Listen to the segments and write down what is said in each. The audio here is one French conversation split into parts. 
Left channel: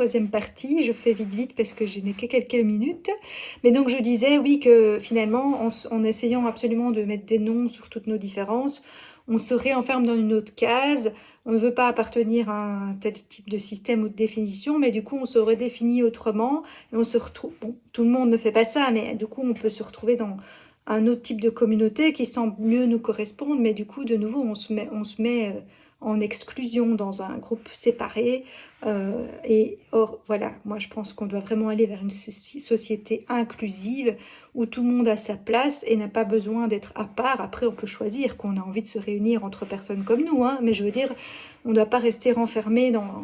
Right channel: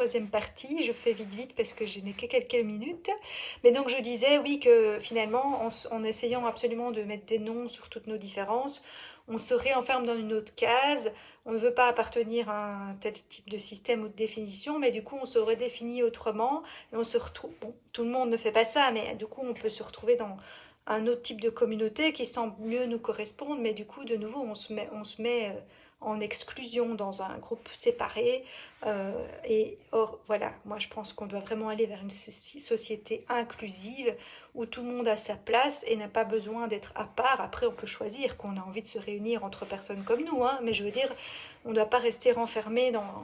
troisième partie. Je fais vite vite parce que je n'ai que quelques minutes. Mais donc je disais oui que finalement en essayant absolument de mettre des noms sur toutes nos différences, on se réenferme dans une autre case. On ne veut pas appartenir à un tel type de système ou de définition, mais du coup on se redéfinit autrement et on se retrouve. Bon, tout le monde ne fait pas ça, mais du coup on peut se retrouver dans un autre type de communauté qui semble mieux nous correspondre, mais du coup de nouveau on se met en exclusion dans un groupe séparé. Et or, voilà, moi je pense qu'on doit vraiment aller vers une société inclusive où tout le monde a sa place et n'a pas besoin d'être à part. Après, on peut choisir qu'on a envie de se réunir entre personnes comme nous, hein, mais je veux dire, on ne doit pas rester renfermé dans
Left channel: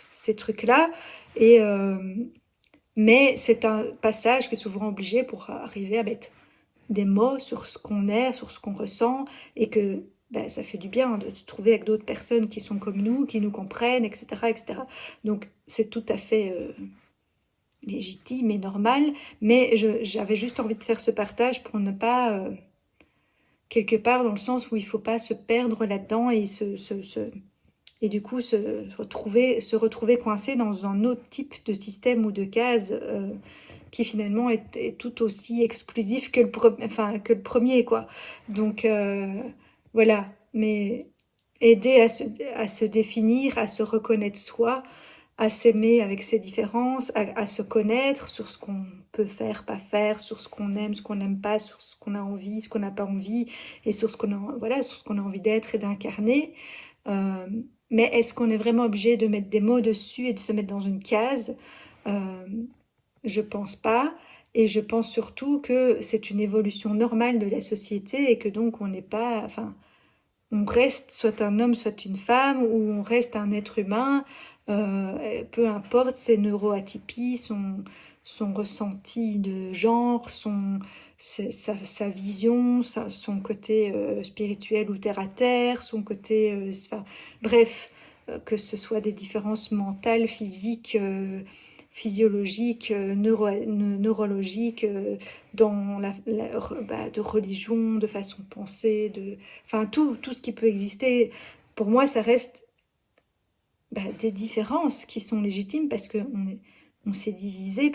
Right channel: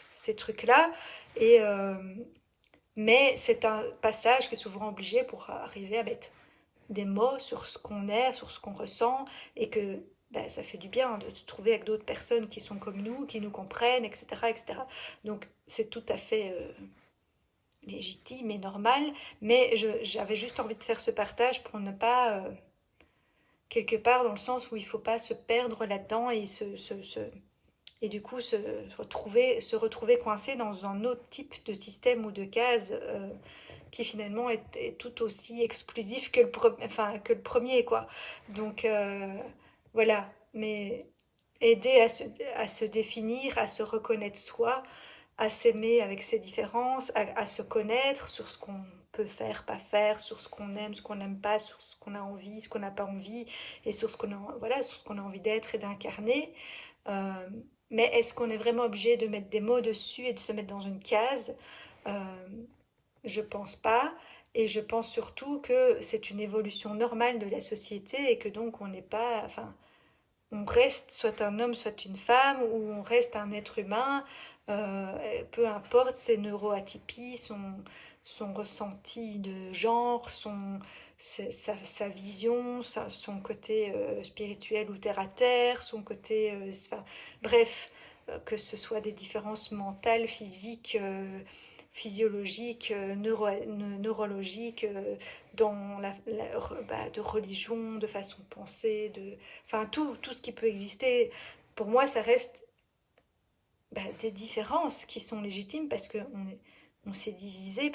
ces trucs-là. Et, mais c'est un passage qui est souvent obligé pour arriver à mettre des mots sur ce qu'on est, sur ce qu'on ressent, et que ben, ça fait du bien de se trouver avec d'autres personnes qui sont comme nous, qui nous comprennent, etc. etc. Donc c'est tout à fait légitime et normal, mais j'avais juste envie de faire ce partage pour ne pas, quelque part dans le sens où il ne faut pas se perdre là-dedans et et du coup se retrouver coincé dans un autre type de système ou de case qui finalement est tout aussi exclusif que que le premier, quoi. Donc voilà, mais aider à se définir, à se reconnaître soi, à s'aimer avec ses différences, à se connaître sur ce qu'on peut faire, pas faire, sur ce qu'on n'aime pas, sur ce qu'on a envie, ce qu'on n'a pas envie, et sur ce qu'on a, voilà, sur ce qu'on a envie d'être et d'incarner. Euh, mais est-ce qu'on est vraiment obligé de mettre des mots dessus et de se mettre dans une case? Euh, je pense pas. Et je pense surtout que c'est une évolution normale de la société et que donc on n'est pas, enfin, on reste soit un homme, soit une femme, ou on reste un être humain, peu importe ses neuroatypies, son ressenti de genre, sa vision, son côté spirituel ou terre-à-terre, son côté, enfin, bref, que ce soit des différences mentales, physiques, physiologiques, neurologiques, dans de religion, de façon de penser, enfin tout ce qui peut exister. Pour moi, ça reste des différences qui sont légitimes parce on s'est divisé,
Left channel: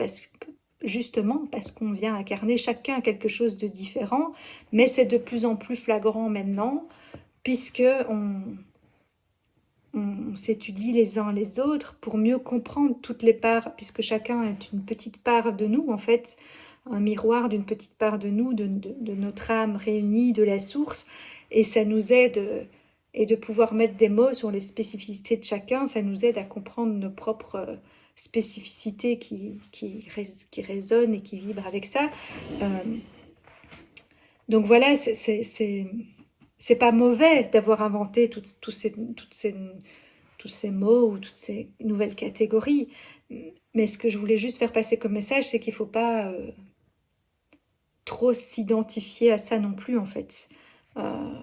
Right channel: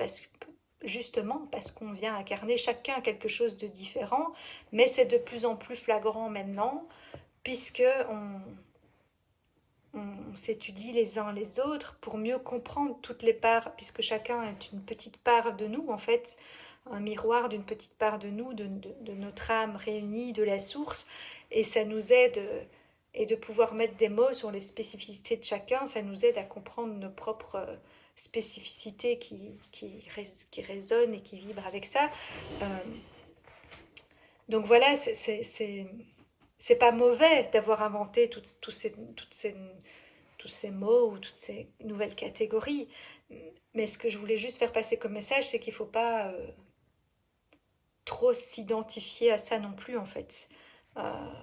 justement parce qu'on vient incarner chacun quelque chose de différent, mais c'est de plus en plus flagrant maintenant puisque on s'étudie les uns les autres pour mieux comprendre toutes les parts, puisque chacun est une petite part de nous, en fait, un miroir d'une petite part de nous, de notre âme réunie, de la source, et ça nous aide, et de pouvoir mettre des mots sur les spécificités de chacun, ça nous aide à comprendre nos propres spécificités qui résonnent et qui vibrent avec ça. Euh, donc voilà, c'est pas mauvais d'avoir inventé tous ces mots ou toutes ces nouvelles catégories. Mais ce que je voulais juste faire passer comme message, c'est qu'il ne faut pas trop s'identifier à ça non plus, en fait. Euh,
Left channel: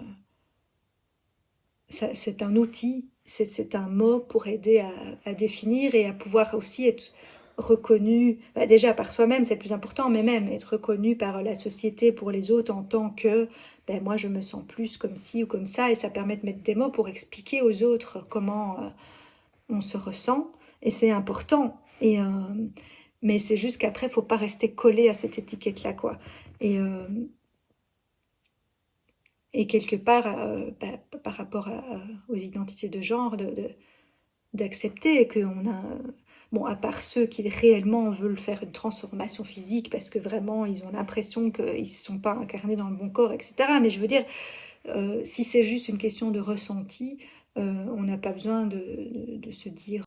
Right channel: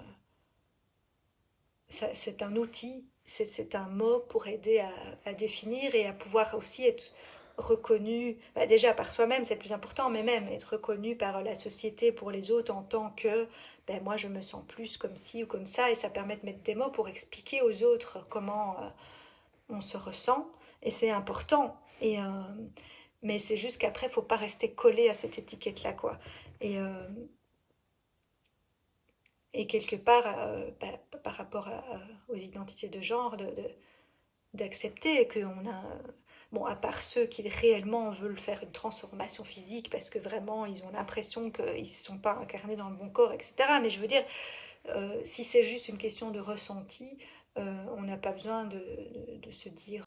c'est un outil, c'est un mot pour aider à définir et à pouvoir aussi être reconnu, déjà par soi-même, c'est le plus important, mais même être reconnu par la société pour les autres en tant que moi je me sens plus comme ci ou comme ça, et ça permet de mettre des mots pour expliquer aux autres comment on se ressent, et c'est important. Mais c'est juste qu'après, il ne faut pas rester collé à cette étiquette-là, quoi. Et, euh, et quelque part, par rapport aux identités de genre, d'accepter qu'on a... Bon, à part ceux qui réellement veulent faire une transformation physique parce que vraiment, ils ont l'impression qu'ils ne sont pas incarnés dans le bon corps, etc. Mais je veux dire, si c'est juste une question de ressenti, on n'a pas besoin de se dire